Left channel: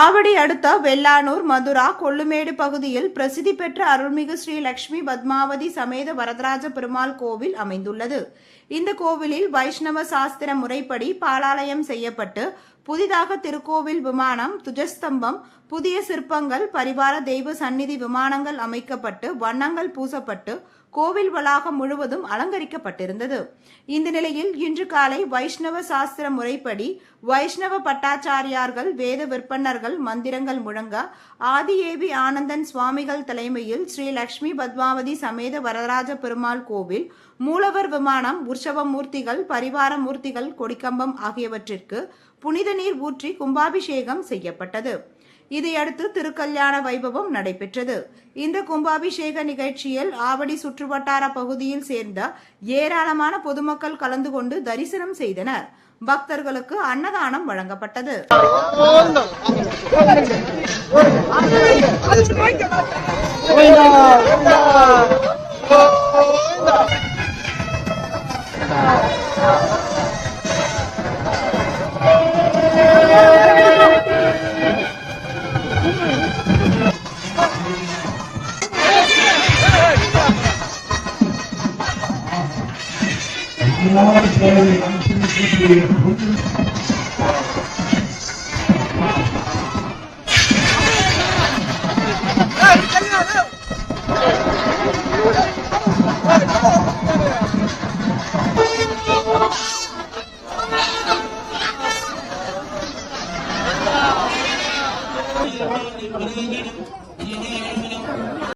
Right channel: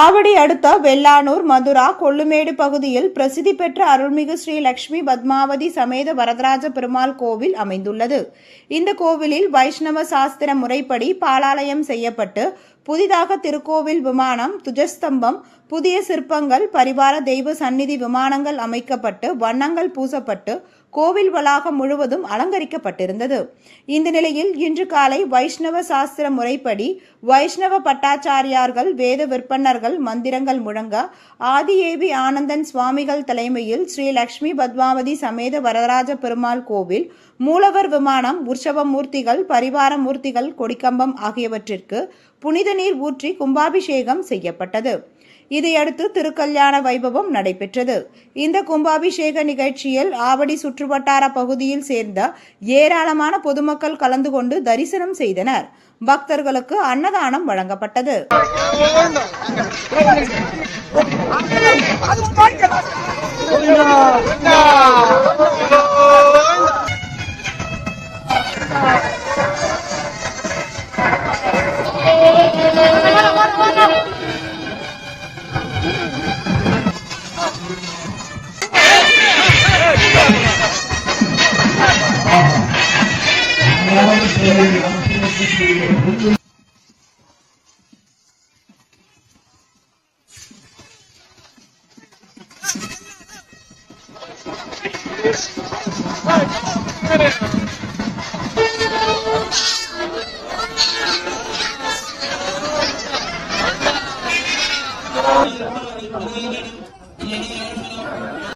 ஆவடி அடுத்த வெள்ளானூர் மதுரா கொள்ளுமேடு பகுதியில் பிரசித்தி பெற்ற அருள்மிகு ஸ்ரீ லட்சுமி பத்மாவதி சமேத வரதராஜ பெருமாள் கோவில் அமைந்துள்ளது. இந்த கோவிலில் வைஷ்ணவ சாஸ்திர முறைப்படி பாலாலயம் செய்யப்பட்டு புதிதாக திருக்கோவில் விமானம், துஜஸ்தம்பம், புதிய சிற்பங்கள், பரிவார தெய்வ சந்நிதி விமானங்கள் அமைக்கப்பட்டு வண்ணங்கள் பூசப்பட்டு கோவில் வளாகம் முழுவதும் அலங்கரிக்கப்பட்டிருந்தது. இந்த நிலையில் இன்று காலை வைஷ்ணவ சாஸ்திர முறைப்படி வைஷ்ணவ பட்டாச்சாரியார்கள், வேத விற்பன்னர்கள் மந்திரங்கள் முழங்க ஆதிஏவி ஆனந்தன் சுவாமிகள் தலைமையில் ஸ்ரீ லட்சுமி பத்மாவதி சமேத வரதராஜ பெருமாள் கோவில் மூலவர் விமானம், உற்சவ மூர்த்திகள், பரிவார மூர்த்திகள், கொடிக்கம்பம் ஆகியவற்றிற்கு புனித நீர் ஊற்றி கும்பாபிஷேகம் செய்யப்பட்டது. இதையடுத்து திருக்கல்யாண வைபவம் நடைபெற்றது. இந்த கும்பாபிஷேக நிகழ்ச்சியில் ஆவடி சுற்றுவட்டார பகுதியில் சேர்ந்த ஏராளமான பொதுமக்கள் கலந்து கொண்டு தரிசனம் செய்தனர். பக்தர்களுக்கு அன்னதானம் வழங்கப்பட்டது.